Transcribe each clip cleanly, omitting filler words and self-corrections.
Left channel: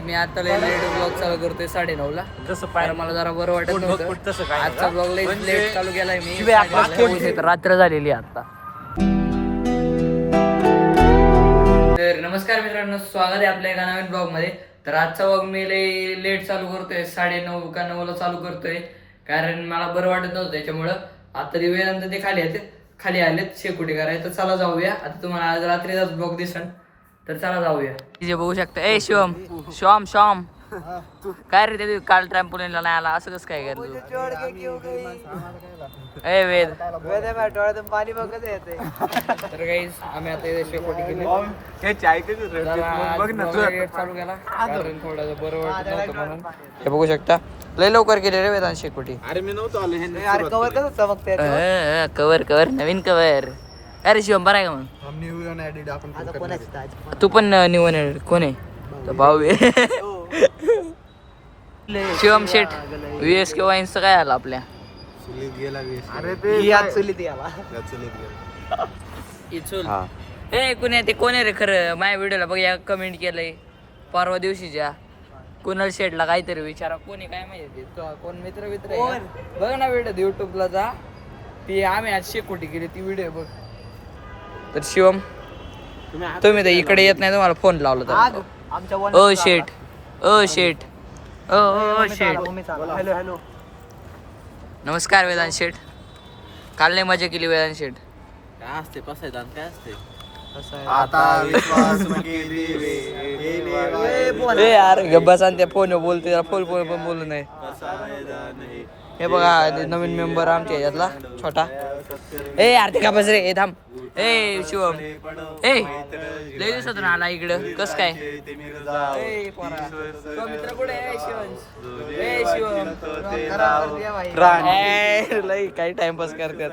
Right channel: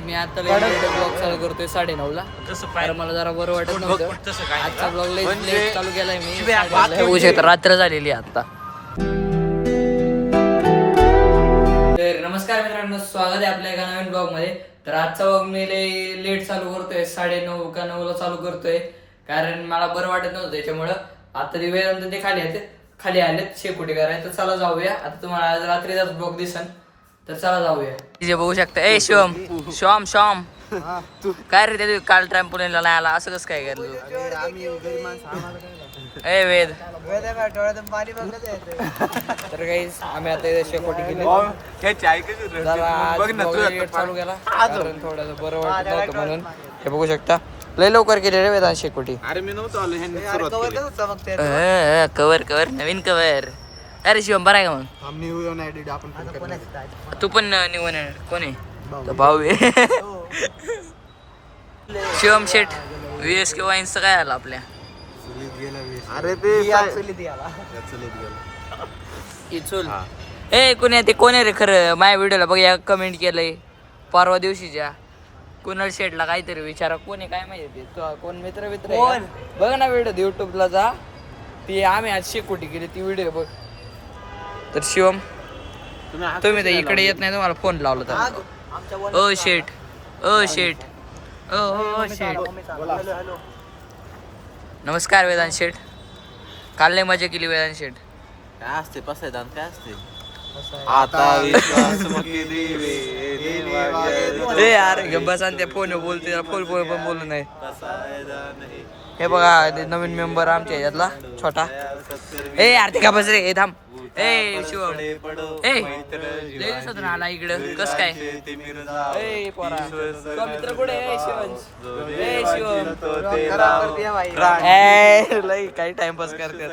मी आता late blog चालू करतोय 9:30ला. जसं पाहिजे मला जरा बरं वाटत नव्हतं. आजचा ब्लॉग लेट चालू केलाय मी. होऊ शकतं रात्र झालेली आता. तर नमस्कार मित्रांनो, स्वागत आहे आपल्या एका नवीन ब्लॉग मध्ये. तर आजचा ब्लॉग मी लेट चालू करतोय, 9:30 का 9ला चालू करतोय, कारण मला बरं वाटत नव्हतं. त्याच्यामुळं आता वेळानंतर ते खाली आलेत शेकोटी करायला. तर चला जाऊया. आता तुम्हाला आज रात्रीचाच ब्लॉग दिसन, तर चला जाऊया. जे बघू शकता. ए श्याम काय रे ते काल ट्रॅम्पोलिनला नाही आला, असं कसं काय केलं तू? ए वेद. तर गाईस आम्ही आता इथे शेकोटी केली. चालू केला कारण थोडं बरं वाटत नव्हतं म्हणून. हे बघू शकता लय लवकर केले रे वेदांत शेकोटी. अरे मी नव्हतो आलो. कवर नवीन कवर. अरे शिवम बरं आहे का मग? तू पण न्यू कोण आहे? भाऊ शिवम शेठ VSK वाईन्सचं काय आलं आपल्या? कोण आहे रे खरं? माझ्या व्हिडिओला बघ या कमेंट केलंय परवा दिवशीच्या. कुणाल शेठला काहीतरी विचारा कोण आहे काय माहिती. कोण मित्र आहे बघ ना व्हिडिओ युट्यूबला जा. ती आम्ही आज शेकोटी केली ती व्हिडिओ बघ. तर शिवम तुम्ही तर इकडे येत नाही, तुम्हाला फोन लावला तर ओ शेठ. नमस्कार वेदांत शेठ. काल लय मजा केली वेदांत शेठ. काय असते पसायदान काय असते? ए यार गब्बा सांगते फोन बोलते, फोन पण बोलू नाही. हे बघा नवीन मेंबर आमच्या याच्यातला छोटा. ए यार ते का बस रे. थांब. ए शिवम लय दिवसातून आला इकडं, कस काय? मित्र कुठे? शिवम लय काही टाइमपास करतात.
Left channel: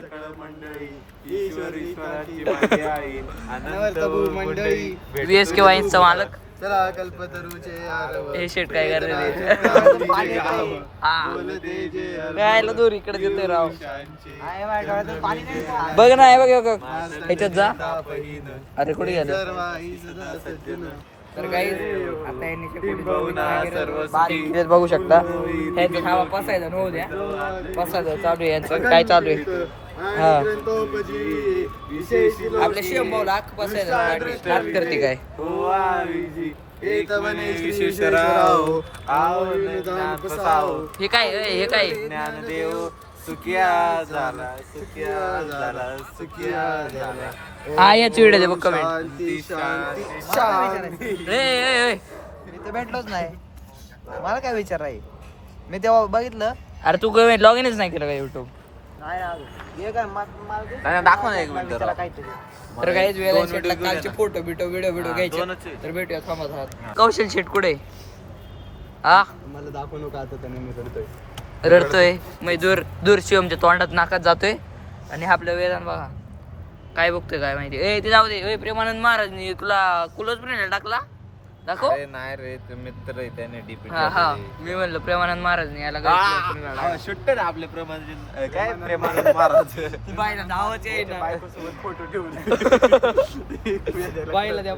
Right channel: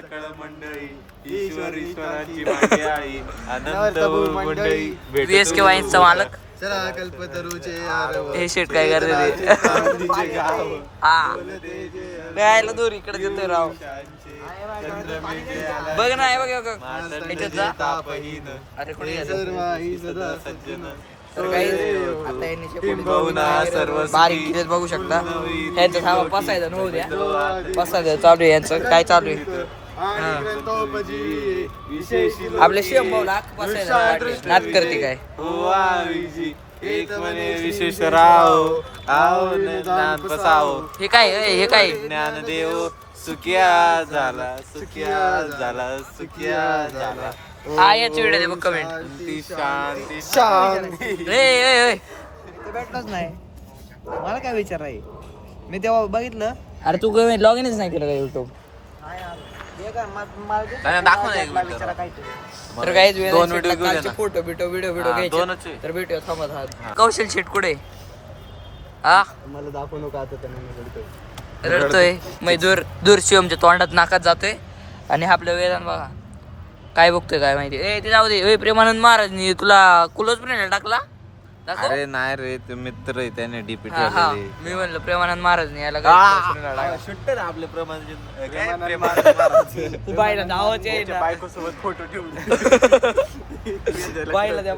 VSK वाईन्सचा मालक हे शेट काय करते ते? हा दूर इकडे देतोय राव. बघ ना बघ अरे कुठे तर काही आता यांनी बघू शकता. ह्यांचं थांबा पसायचं नव्हू द्या. पसायचं चालू आहे यांचं. काय चालू आहे? हा आपल्या शिवम भाऊला अख्ख पसायचं नाट करते काय? हे काय हा याची व्हिडिओ बघ कमेंट. भेटलोच नाही मला काय विचार आहे. मी तेव्हा बघितलं. अरे तू कमेंट लॉग इनच नाही केलं का युट्यूब? दाखव ना एक मिनिट. तर काही कालचे फोटो व्हिडिओ घ्यायचे. तर भेटूया थांबा. कौशल शेट कुठे? हा मला दाखवू नका आता. त्याने रडतोय मग दूर शिवमच्या तोंडात नाकात जातोय. आणि आपल्या वेदांत बघा काय बघतोय काय माहिती. ए ते जाऊ दे. प्रेमानंद महाराज तुला क्लोज फ्रेंड टाकला दाखव. अरे नाही रे, तू मित्र आहे त्याने डीपी. हा मी म्हणलं प्रेमानंद महाराज याला काय शुट्टर आपले प्रेमानंद महाराज बाईला नावच आहे ना. बाईला त्या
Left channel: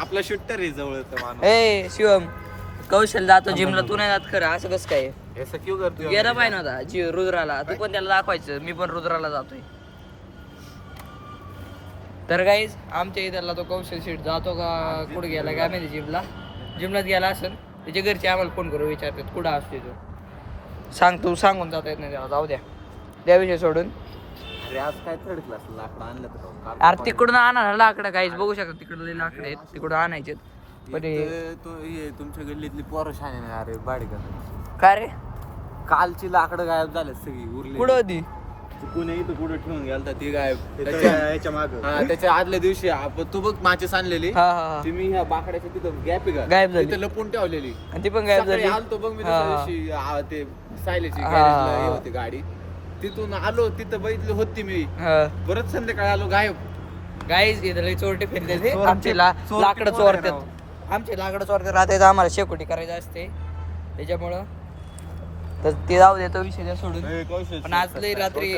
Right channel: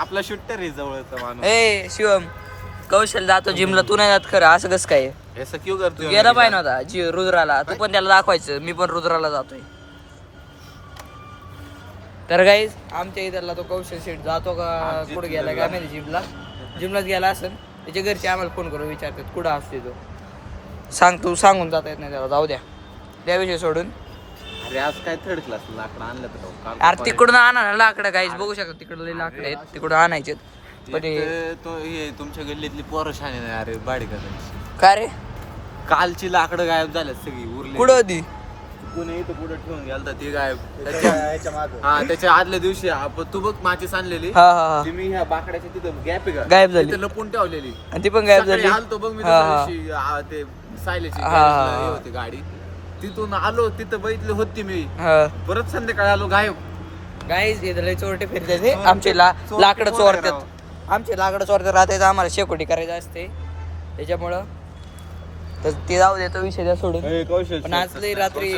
आपला शुट्टर आहे जवळचा माणूस. ए शिवम कौशल जातो जिमला, तू नाही जात खरं, असं कसं काय? असं क्यों करतो? गेला पाहिजे नव्हता रुद्राला. तू पण त्याला दाखवायचं मी पण रुद्राला जातोय. तर गाईज आमच्या इथला तो कौशल शेठ जातो का कुठं गेला काय माहिती. जिमलाच गेला असेल. त्याच्या घरचे आम्हाला फोन करून विचारतात कुठं असते तो. सांगून जाता येत नाही त्याला. जाऊ द्या त्या विषय सोडून. आज काय थर्ड क्लास लाकडं आणलं तर? अरे तिकडून आणा लाकडं गाईज बघू शकता. तिकडले लाकडं आहेत तिकडून आणायचे. पण तुमच्या गल्लीतली पोरं शाने नाही अरे बाडी करायची. काय रे कालची लाकडं गायब झाल्यात सगळी. उरली कुठं होती? कुणी इथं कुठं ठेवून गेलता ती गायब. त्याच्या आदल्या दिवशी तू बघ माचीस आणलेली. हा ती मी ह्या बाकड्याच्या तिथं गॅप आहे का गायब झाली. तिथं लपून ठेवलेली. आणि ती पण गायब झाली. आलतो बघ मी दुसऱ्या दिवशी ते सायलेची होती गाडी. तिथून आलो तिथं बघितली होती मी. परत संध्याकाळी आलो गायब. गाईज इथले चोरटे फिरते. आमचे लाकडं चोरतात. आमचे लाकडं चोरतात राहतात. आम्हाला शेकोटी करायचं असते त्याच्यामुळं. तर ते जाऊ दे तो विषय द्या सोडून. पण आज लई रात्री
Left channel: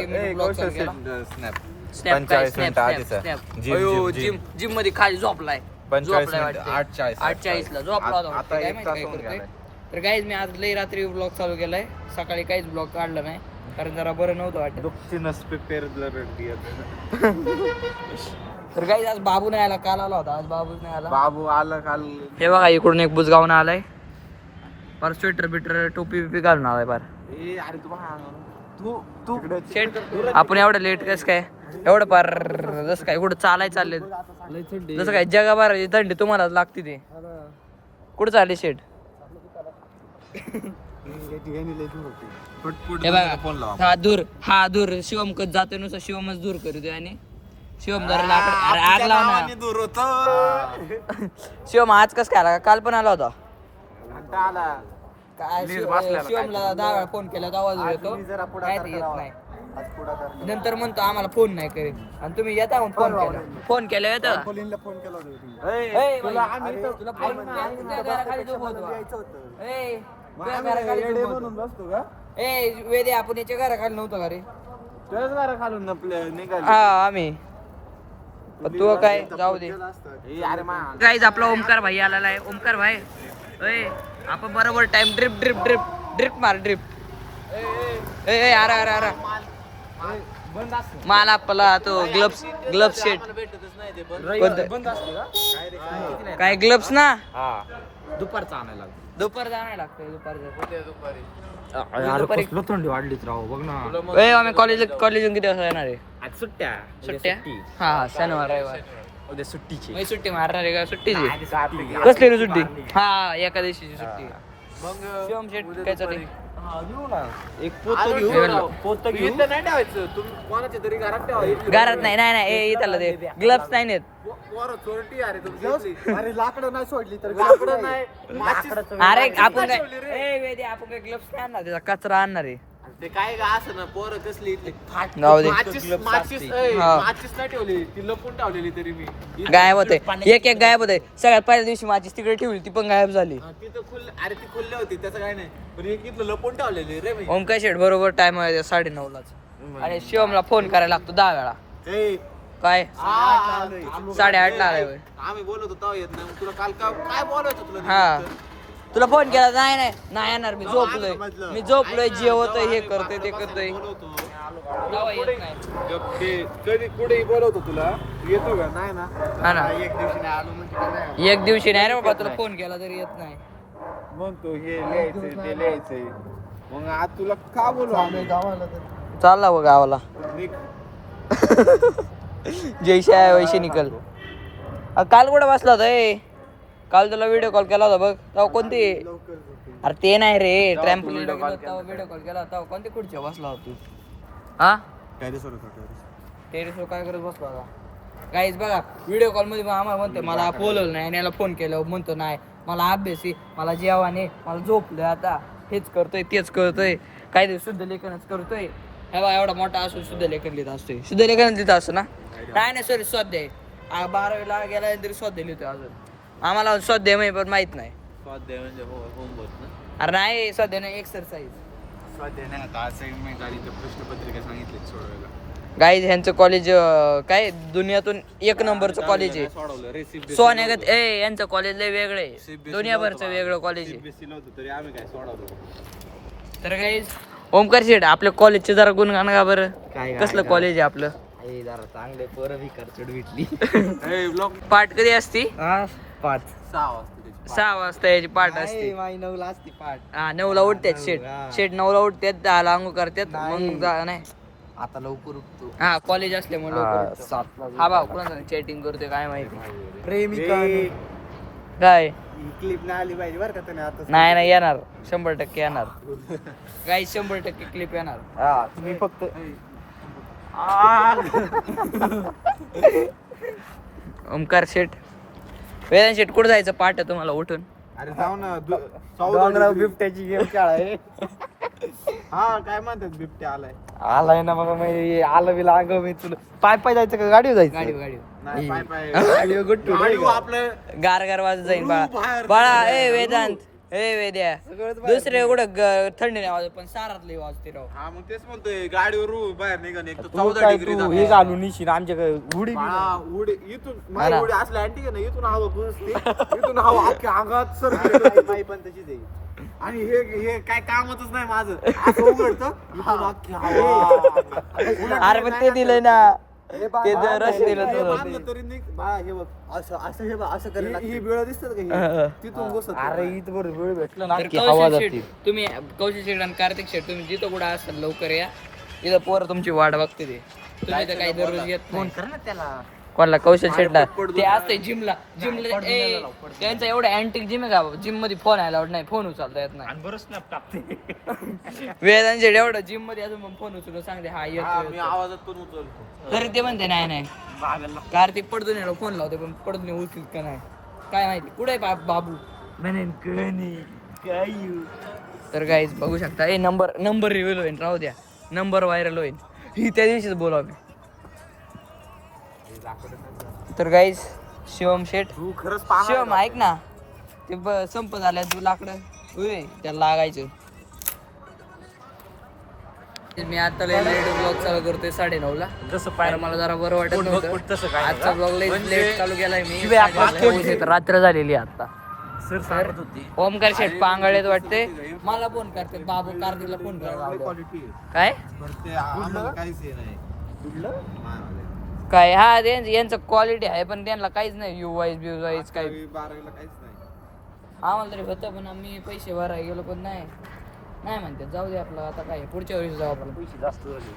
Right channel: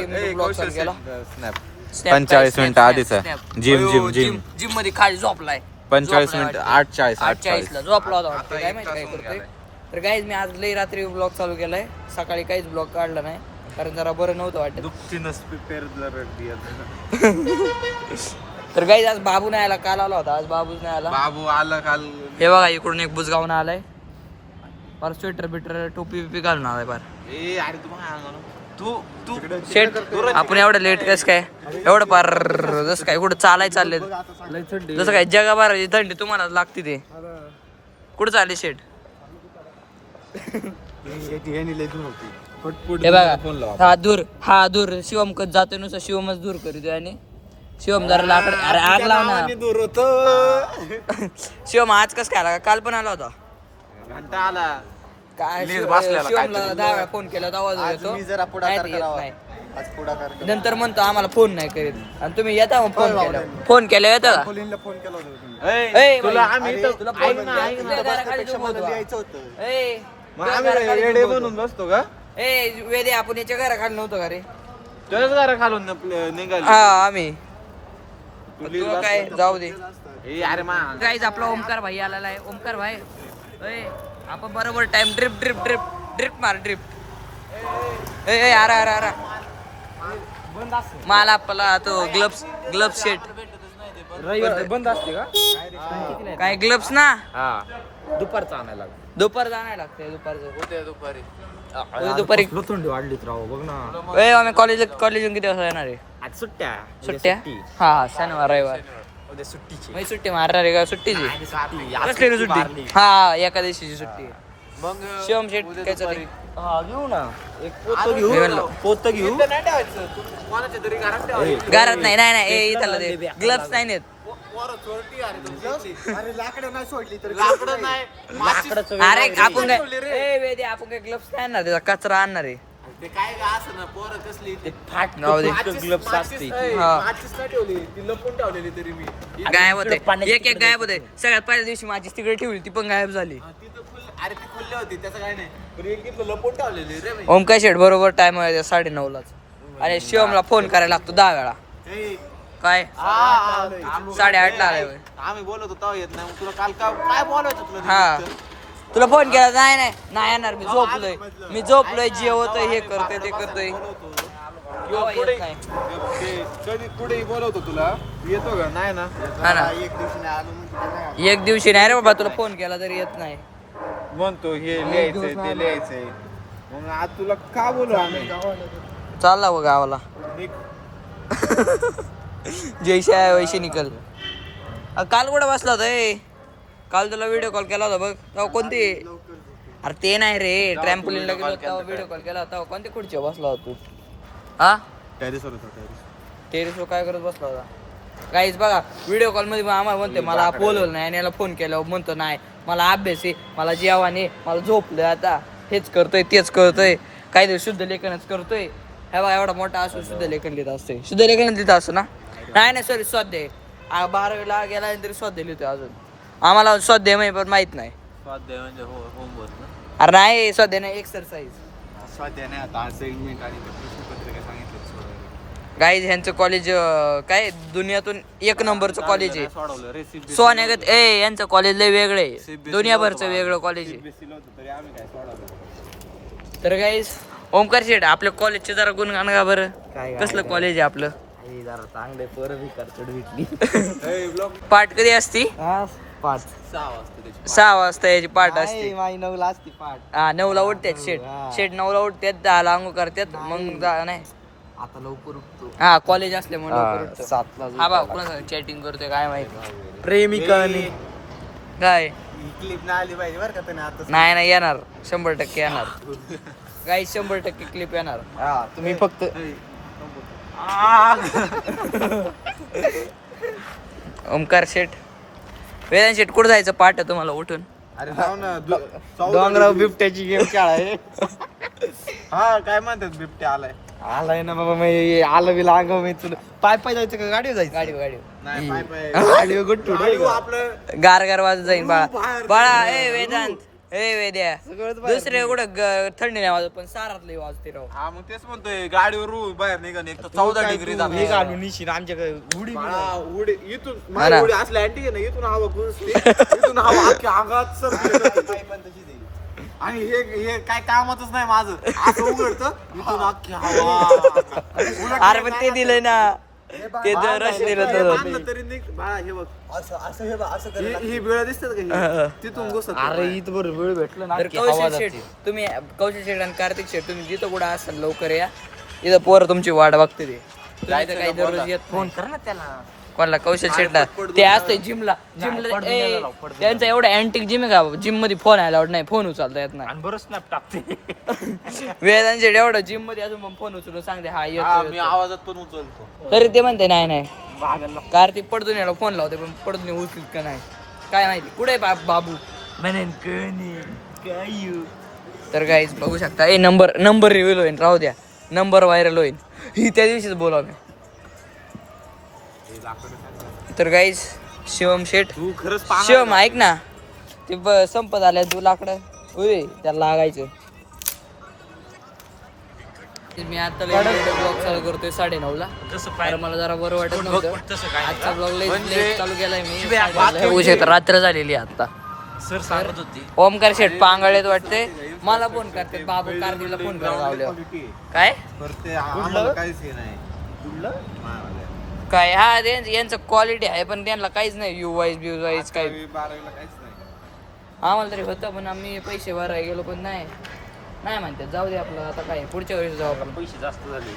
जिम मध्ये खाली झोपलाय. 45 झोपलाय मिनिट, वाटतं. 8:40. 8:40 ला झोपला होता वाटतं. आता काय एक माहिती तास काय होऊन करतोय. गेलाय. तर गाईज मी आज लई रात्री ब्लॉग चालू केलाय. सकाळी काहीच ब्लॉग काढला नाही कारण जरा बरं नव्हतं वाटत. दुःखी नसते पेरलं तर गाईज आज बाबू नाही आला, काल आला होता, आज बाबूच नाही आला. बाबू आलं काल. हे बघा इकडून एक बुजगावून आलाय, पर स्वेटर बिटर टोपी बिपी घालून आलाय पार. ए अरे तू तू शेट आपण एवढं लेट कसं काय एवढं पार जसं काय कुठं चालले जसं काय जगाभराची थंडी तुम्हाला लागते ते. कुठं चालले शेट? हे बघा फोन लावा. हा दूर शिवम कच जातोय नुसतं शिवमच दूर करतोय आणि शिवम जरा लाकड अरे आग लाव ना. दूर होतो. शिवम आज कस काय आला? काल पण आला होता. आला. काय लीज बसलेला शिवमला काहीतरी. 10 वेळा फोन केला तर आवाज येतो नाही ते येत नाही. नंतर म्हणतो आम्हाला फोन नाही करीत आणि तुम्ही येता मग फोन केला येतं का? ए, तुला बाई, आम्ही इथं- तुला फोन तुझ्या घराखाली झोपवतो. ए, तुझ्या आम्ही घराखाली येडे झोपवतो. बनून बसतो का? ए वेदे आपण याच्या घराखाली नव्हतो का रे? तुझ्याच घरा खालून निघाली. हा आम्ही तू काय जाऊ दे. ए अरे मा गाईज आपला ओमकार भाई आलेला आहे. ओमकार भाई ए आपण बरोबर टाइम ड्रिप मार ड्रिप. ए अरे अरे अरे मला आपला तो ग्लब्स शेट बंद असते का? काय ग्लब्स ना दुपारचा आणायला लागतो. दुपार जाणार लागते दुपारी. थंडी वाढलीच राव बघ ना. ए आम्ही कॉलेजून किती वाजता येणार आहे? आज सुट्ट्या. सुट्ट्या हा शनिवार रविवार उद्या सुट्टीची. मी सुट्टी मारणार आहे का? सुट्टीची कसली रे सुट्टी? हा एकादशीची सुट्टी आहे. मग शिवम शेट काय चालू? हा घेऊ ना एक पोतं मी म्हणलो. घेऊ. पोतं घेऊ. नाही ठेवायचं. तू कोणाच्या तरी घरात ठेवा. घरात नाही इथलं ते ग्लव्स नाही नेत. पोरं चोरटी अरे तुमची इथली. अरे लाकडं नाही सोडली तर लाकडं नाही. माचीस- अरे आपण काय ए वेदे आपण काय ग्लव्स नाही आणणार, त्याचा कचरा आणणार आहे. अरे ते काय का असं ना पोरं कसली ते फाट जाऊ दे. माचीस हा. नाही ठेवली ती लपून ठेवलेली तरी मी गायब होते एक गायब होते. सगळ्यात पहिल्या दिवशी माझी तिकडे ठेवली ती पण गायब झाली. हा, ती तर अरे ती खुल्ली होती त्याचं काय नाही पण एक इथलं लपून ठेवलेली रे मी. ओमकार शेट बरोबर टाइम आहे 9:30लाच आणि शिवमला फोन करायला लागतो 10 वेळा. ए, काय आम्ही- 8:30ला आलाय होय. आम्ही बोलत होतो येत नाही तुला काल काय बोलायचं तुला हा तुला फोन केला नाही येणार मी झोपलोय जेवतोय हे करतोय ते करतोय बोलवतो तेव्हा येत नाही. ते कधी कुठेही बोलवतो तुला तू येतो का नाही ना हा ना एक दिवशी नाही आलो म्हणजे काय नाही एक दिवशी नाही रे बाबा तुला फोन केला तरी येत नाही. म्हणतो हे लिहायचंय ते लिहायचंय मग आज तुला का बोलू आम्ही गावाला तर चालला बघ गावाला निघ. जैसे आहे वैसे निकल. काल कुठं बसला होता ए? काल तुला व्हिडिओ कॉल केला होता बघ तेव्हा कोणती? लवकर झोपेल. अरे ते नाही रे ट्रॅम्पोलिनला गेलो तेव्हा व्हिडिओ कॉल केला होता कोणती खुर्ची बसला होता तू? हा टेरेसवर काय करत बसला होता? काहीच बघा व्हिडिओ कॉल मध्ये आम्हाला म्हणते मला बोलवलं नाही आणि याला फोन केला म्हणतो नाही मला अभ्यास आहे मला जेवण मला झोपलं आता हेच करतोय तेच करतोय काहीतरी शुद्ध लेखनच करतोय. हे बघा एवढा मोठा असून शुद्ध लेखन लिहित असतोय. शुद्ध लेखन लिहित असतं ना? नाही सॉरी स्वाध्याय 12वीला गेला तरी स्वाध्याय लिहितोय अजून. आम्हाला स्वाध्याय माहिती पण माहित नाही. स्वाध्याय म्हणजे होमवर्क ना अरे नाही स्वाध्याय नाही एक्सरसाइज. स्वाध्याय नाही आता असाइनमेंट आणि ते प्रश्नपत्रिका सांगितले सोडवायला गाईज ह्यांचं कॉलेज काय दुनियातून 1 नंबरचं कॉलेज आहे. सोडवलं रेसिपी सोन्यागत ए यांचं कॉलेज लय वेगळं आहे दुनियाभरचं वेगळं कॉलेज आहे. बेसिल होतं तरी आम्ही काय सोडवलं. तर गाईज ओमकार शेठ आपल्या कॉलेजचे जरा गुणगान का बरं? काय कसलं कॉलेज आहे आपलं? आई जरा चांगले पोरं भिकार चढ भेटली. ए, ब्लॉग पाठ कधी असती? 5 6 वाजता त्याची 6 वाजता याची पाठ असते. माई 9ला असती पाठ. हा 9ला उठतात शेठ. शेठ 9ला उठतात 10ला अंघोळ करतात मग नाही आता लवकर उठतो. हा कॉलेज असल्यामुळे लवकर उठतो. 7ला हा बा कुणा चॅटिंग करतोय काय माहिती प्रेमिकाने काय ही क्लिप ना आली पाहिजे बरं का त्याने आता. नाही येणार 100% येणार गाई 100% क्लिप येणार. हा तुम्ही फक्त ओमकार शेठ वेदांत शेठ कुठं जायचं पाठ आहे तुम्हाला उठून? अरे जाऊ ना डोंगराव बिबट्याची गेम खेळाय. हा काय म्हणतात बिबट्या आलाय आलाय ना बाबा मी आलं बिला अंगाव मी तुला पाय जायचं का गाडीवर जायचं? गाडी नाही पाय गाडीवर गुट्टू गाडीवर आपलं गार वाजत जाईन बाळा. बाळा ए वेदांत हे वेद्या दुसरे कुठं थंडी नाही वाजत पण सारातलं वाजते राव. हा मग तेच म्हणतोय गाडीवर बाहेर निघा एक तर तू 14 काय डिग्री तू हे घालून निशी आमच्याकडे उडी बी नाही. उडी इथून हा ना. उडी असल्या अँटी ना इथून हवा घुसते इथून हवा अख्ख्या अंगात सरकली पण तशीच आहे. आणि हे काय कामच नाही माझं असं उघडतं इथून अख्खी हवा अरे पण ते दिलंय ना ते रश दिलं हे तर बांधलं तरी बाळा हे बघ असं हे बघ असं ही वेळ दिसतात का ही? तिथून घुसत अरे इथं बरं वेळ भेटला ना तर कौशल शेठ तुम्ही कौशल शेठ आणि कार्तिक शेठ तुम्ही जिथं कुठं असाल लवकर या. इथं पोरं तुमची वाट बघते ते. तुम्ही तर काही दररोज येत फोन कर ना त्याला. कोणाला कौशल शेठला ते असतंय जिमला त्यांचा एवढा अँटिक जिम आहे का जिम मध्ये फोन आला नाही फोन उचलता येत नाही. आणि बरं स्नॅप टाकते. वेदांत शेठ एवढं जिम मध्ये अजून पण फोन उचलून सांगते हा येतो मी आवाजात पण उचलतो. तरी ते म्हणते नाही नाही कार्तिक पडतून याला फोन लावते पण पडतून उचलीत का नाही काय माहिती कुठे बाबू म्हणेन कोणी काय तर काहीच बघू शकता ए नंबर रिव्हील होईल राहू द्या नंबर व्हायरल होईल ही त्या दिवशीच बोलावं. तर गाईज शिवम शेठ तू खरंच शिवम ऐक ना ते संपत आलंय तू लाकडं होय त्याला लागायचं. मी आता लेट ब्लॉग चालू करतोय 9:30ला जसं कारण मला जरा बरं वाटत नव्हतं. तसं काय नाही आजचा ब्लॉग म्हणजे लेट चालू केलाय मी 9:30ला. होऊ शकतं रात्र झालेली आहे आता. सर सांगत होती ओमकार शेठ पांगळेत वाटते मला फोन करतात बाबू कार्तिकला फोन करायला लावले काय करते आम्हाला काहीच हे नाही काय हा यांचं क्वालिटी आहे पण त्यांना काहीच नाही यू वाईज ब्यू वाईज काय 12ला काहीच नाही. आम्हाला तरी होतं पण आम्ही पैसे भरायला गेलो पण नाही म्हणतात जाऊ दे आपलं आता काय पुढच्या वेळेस जाऊ आपण. पैसे जास्त झाले.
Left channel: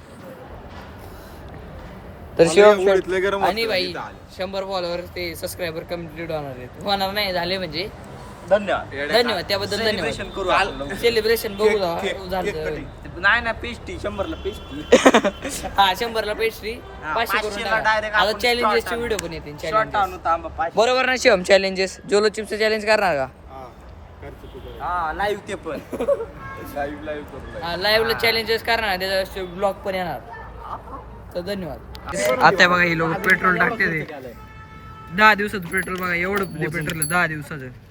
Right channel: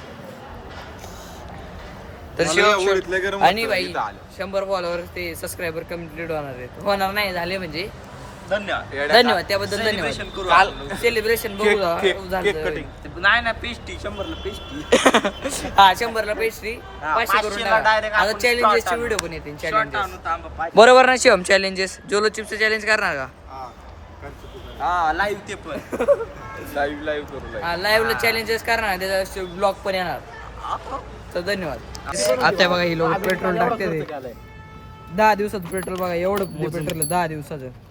तर मला शिवम एवढं शेठ इथलं गरम आणि होतं, बाई इथं आलं. 100 फॉलोवर ते सबस्क्रायबर कम्प्लीट होणार नाही झाले म्हणजे धन्यवाद. त्याबद्दल Celebration करू धन्यवाद. आपण. सेलिब्रेशन बघू केक झालं नाही ना पेस्टी 100ला पेस्टी. हा 100ला पेस्ट्री 500 करून 500 ला टाका. direct आता आपण चॅलेंजेसचे short व्हिडिओ पण येतील Short चॅलेंजेस आणू तांबा 500. बरोबर ना शिवम चॅलेंजेस जोलो चिप्सचं चॅलेंज करणार का हा, करतो तू कर. हा लाईव्ह ते पण. लाईव्ह करतो. हा लाईव्हला चॅलेंजेस करणार त्याचा ब्लॉग पण येणार. तर धन्यवाद. आता बघा ही लोक पेट्रोल टाकते ते 10 दिवसाचं पेट्रोल बघा एवढं पेट्रोल 10 दिवसाचं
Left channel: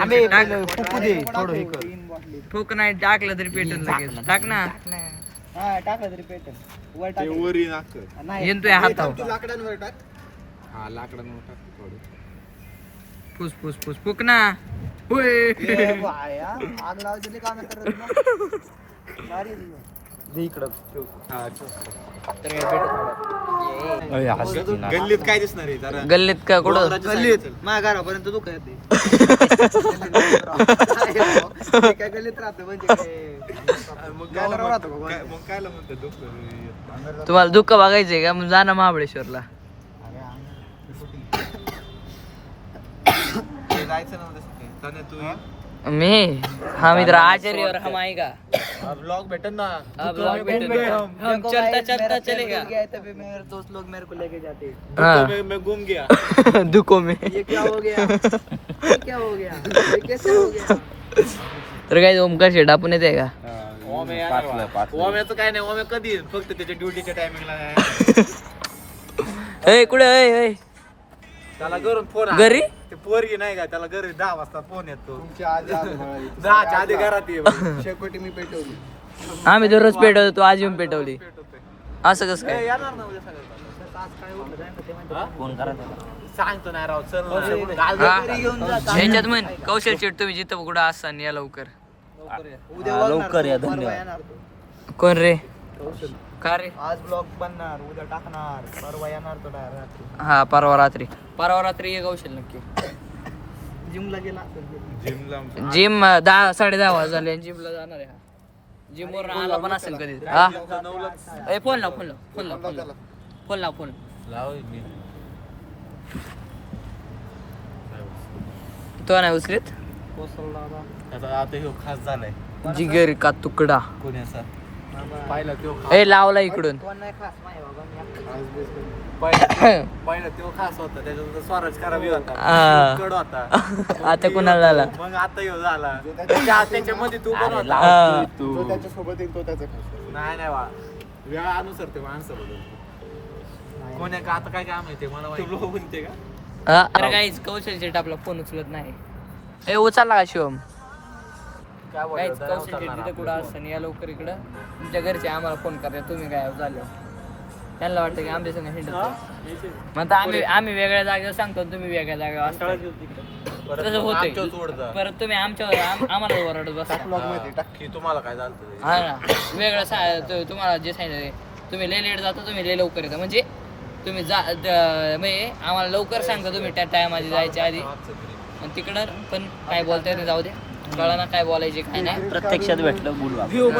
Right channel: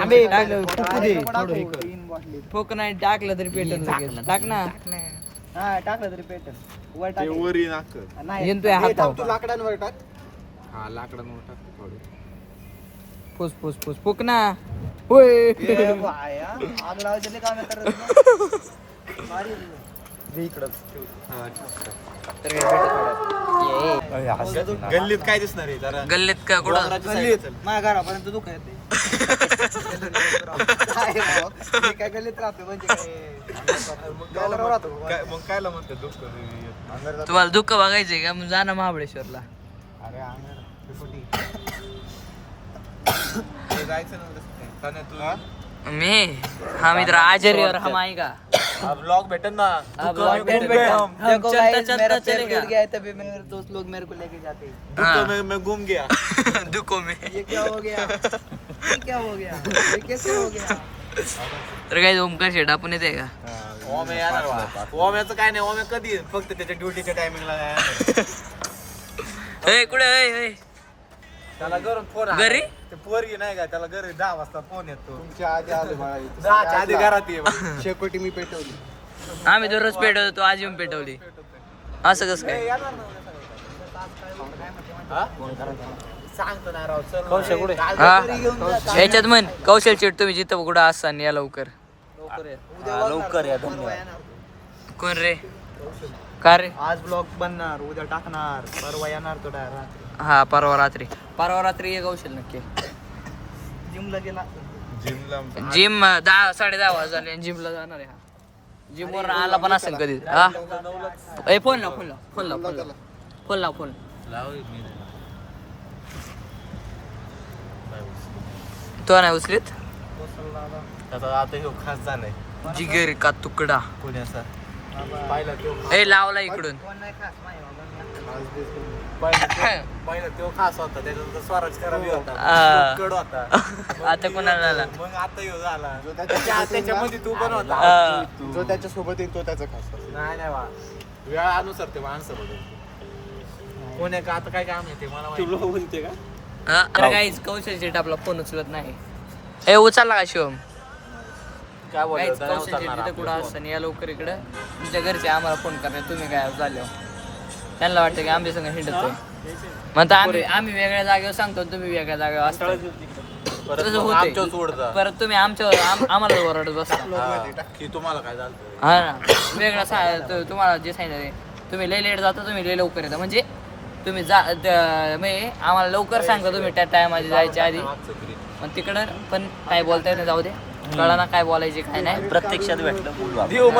आम्ही पहिलं फुकू दे थोडं हे कर. फोक नाही टाकलं तरी पेट्रोल लागेल टाक ना हा टाकलं तरी पेटल वर ते वरी नाक येतोय हातावर लाकडांवर टाक. हा लाकडांवर टाक थोडं. फुस फुस फुक ना होय ए बाया, आग लावायचं काम करत मारी दे इकडं. हा, ठेव. तर काय भेटत थोडं. गल्लीत काय दिसणार आहे जरा गल्लीत का कुठं डोंगराच्या side ला चल. माझ्या घरापर्यंत दुःख येते. काय गल्लीत राहतो म्हणजे मग कायला म्हणतो दुःख तुम्हाला दुःख बघायचंय का मग जा ना महाबळेश्वरला. जायचं ना तसं काही. तने तू ये. मी हा मित्र आचार्य हम आएगा हा ब्लॉग भेटन ना हा ब्लॉग भेटेल हम चलता चलेगा दोस्त लोग मेरे को लेके जाते हैं. दुःख में गुम गया. दुखो में ये क्या हो गया, ये क्या हो गया, ये कैसे हो गया. तर काय ओमकार शेट आपण येते का ओम्याचं काय नाही ओम्या कधी येईल? फक्त त्याच्या ड्युटीच्या टायमिंगला ए कुठे ए त्याला घरून फोन घरी ते पोरगी नाही का त्याला घरी 10 वाजता फोन येतो. तुमच्या आधी आले बाळा इथं. 10च्या आधी घरात ये. शेकोटी मी पेटवली. आम्ही दररोज पेटवतो तू आज येऊन पेटवली असं कसं काय येणार ना उद्या सगळं. हा? सांगतो नाही राव सर हा याच्यात म्हण कौशल शेट तुम्ही जिथं कुठं असाल या लवकर लवकर या परवा येणार तो. कोण रे का रे आज ब्लॉग बनणार, उद्या टाकणार, परवा येणार तो रात्री. हा परवा रात्री ये कौशल नक्की जिमला गेला. जिमला जिम 10-10:30 वाजता झाले जिमला जाणार आहे हा जिम वर आला पण असेल कधी हा ए फोन लाव तो नाही उचलीत त्याचा आता ह्यो खास झालाय. जिगेर का तुकडा कोणी असा पाहिला तो ए लावला इकडून पहिला तो खास होता त्याच्यानंतर स्वराज करावी होता हा. कड होता आता कुणाला झाला मग आता ह्यो झाला त्याच्यामध्ये तू पण होता हा. जो त्याच्यासोबत येतो त्याचा खास. नाही वा वेळानुसार ते माणसं बघून कोण आहे का आता काय काम आहे ते मला माहिती. म्हणते का अरे काहीच कौशल शेट आपला फोन उचलत नाही ए उचलला का शिवम काहीच कौशल तिथं कुठं असतं या लवकर इकडं तुमच्या घरचे आम्हाला फोन करतात तुम्ही काय झाले त्यांना वाटतं की आमच्या संग हिंडतोय म्हणतो आम्ही वेगळ्या जागेवर सांगतो तुम्ही वेगळ्या जागेवर असता तसं होतंय परत तुम्ही आम्हाला ओरडत बसता तुम्हाला काय झालं हा ना वेगळं तुम्हाला जे सांगितलं तुम्ही लय लेट जाता तुम्ही लय लवकर येता म्हणजे तुम्ही म्हणजे आम्हाला लवकर सांगता तुम्ही त्या टायमाची जायच्या आधी पण तिकडं पण काय बोलता येत नाही जाऊ दे कळा ना काय बोलायचे काय नाही प्रत्यक्षात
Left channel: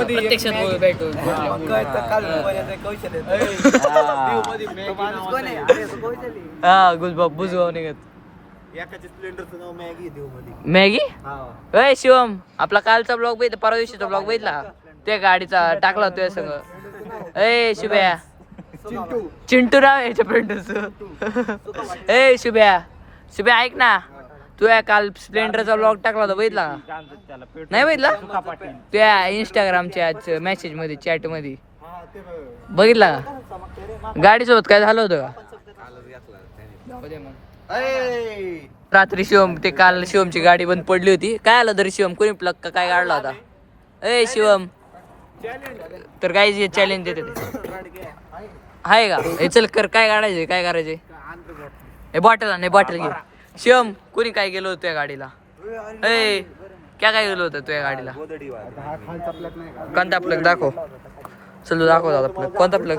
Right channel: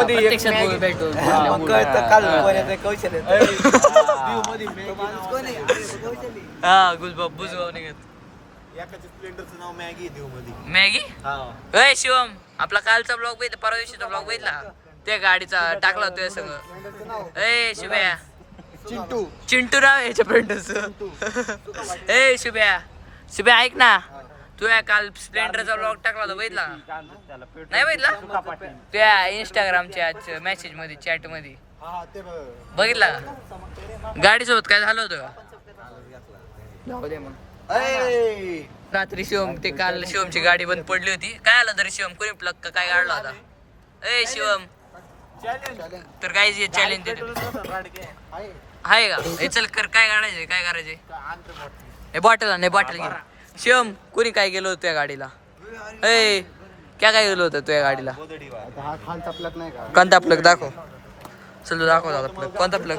प्रत्यक्षात भेटू हा गुलबाब बुजगाव निघत एकाच्या स्प्लेंडरचं नाव मॅगी देऊ मध्ये मॅगी अय शिवम आपला कालचा ब्लॉग बघितला परवा दिवशीचा ब्लॉग बघितला त्या गाडीचा टाकला तुझ्या संग ए शुभ्या चिंटू राव याच्या फ्रेंडच ए शुभ्या ऐक ना तू काल स्प्लेंडरचा ब्लॉग टाकला होता बघितला नाही बघितला त्या इंस्टाग्रामच्या मेसेज मध्ये चॅट मध्ये बघितला का गाडीसोबत काय झालं होतं जाऊ दे मग रात्री शिवम ते काल शिवमची गाडी बंद पडली होती काय आलं तरी शिवम कोणी प्लग का काय काढला होता ए शिवम तर काय चॅलेंज देते आहे का चल कर काय काढायचे काय करायचे बॉटल नाही बॉटल घे शिवम कोणी काय गेलो होतं त्या गाडीला ए काय गेलो होतं तुझ्या गाडीला कोणता प्लग दाखव चल दाखव दादा प्लग कोणता प्लग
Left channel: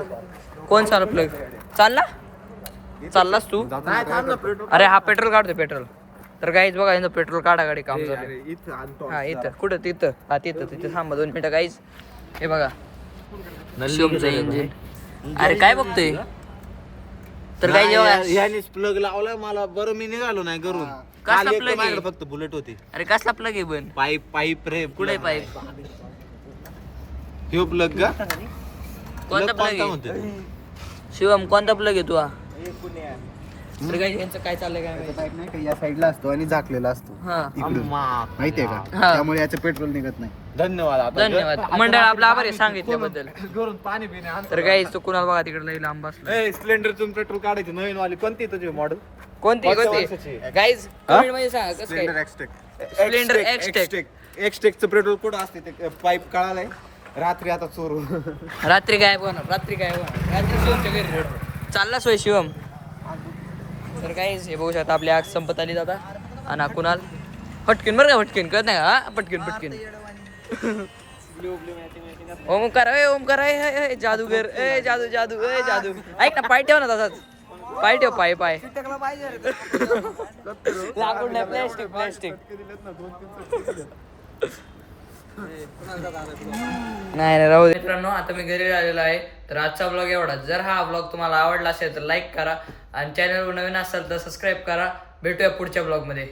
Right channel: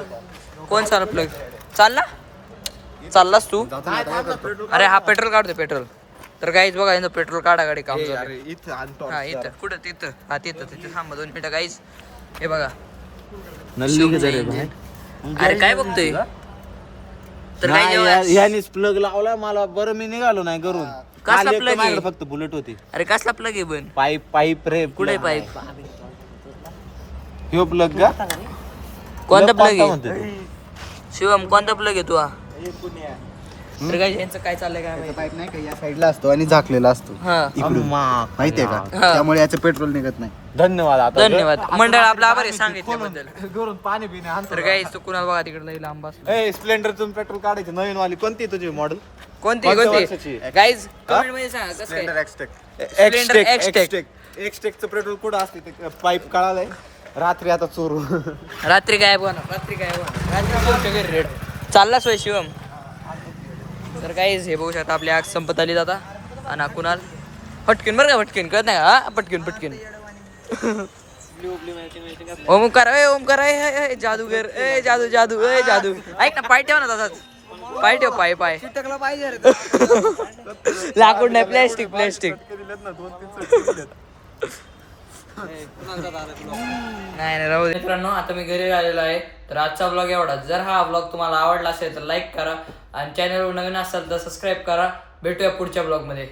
कोण सारा प्लग चाललास तू अरे हा पेट्रोल काढतो पेट्रोल तर गाईच बघा यांचं पेट्रोल काढा गाडी काम झालं हा इथं कुठं तिथं हा तिथं थांबा 2 मिनिटं गाईच हे बघा शिवमचं इंजिन अरे काय बघतोय तर काय यानेच प्लग लावला मला बरं मी निघालो नाही घरून कसला प्लग आहे फक्त बुलेट होती अरे कसला प्लग आहे पण पाईप रे कुठे पाईप ह्यो प्लग का कोणता प्लग आहे शिवम कोणता प्लग आहे तू हा तर काय यांचं काय चाललंय काय माहिती पाईप नाही का या साईडला असतो आणि झाकलेला असतो हा इकडून माहितीये का हा. त्यामुळे याचं पेट्रोल निघत नाही धन्यवाद आता धन्यवाद मंडळ आपला आभार आहे सांगितल्याबद्दल घरून पाणी पिणे तर काय तू कुणाला बघा तिकडे लई लांब बसला ए स्प्लेंडरतून पेट्रोल काढायची नवीन वाली कोणती तुझी मॉडेल कोणती वर्षाची. गाईज कमेंट मध्ये सांगा कसं काय Splendor X-Tech. एक्सटेकचं पेट्रोल कुठं असते ते पाईप कळालंय रात्री आता चोरू रात्री काय होणार रात्री कोणत्या घरी रेट चालला सोय शिवम तर काहीच हे बघू शकता आपली आग संपत आली जाता आणि कुणाल फटकीन बरं का फटकीन कळत नाही का हा पटकीन ओमकार ए जादूगर ए जादू ए जादू ऐक ना पाय ठेव ना तसाच पाय ठेव पाय लाकूड नाही प्लॅस्टिक नाही राहू दे मित्रांनो आता मी घरी आलेलो आहे तर आजचा ब्लॉग एवढा जर हा ब्लॉग तुम्हाला आवडला असेल तर लाईक करा आणि चॅनलवर नवीन असाल तर सबस्क्राईब करा भेटूया पुढच्या ब्लॉग मध्ये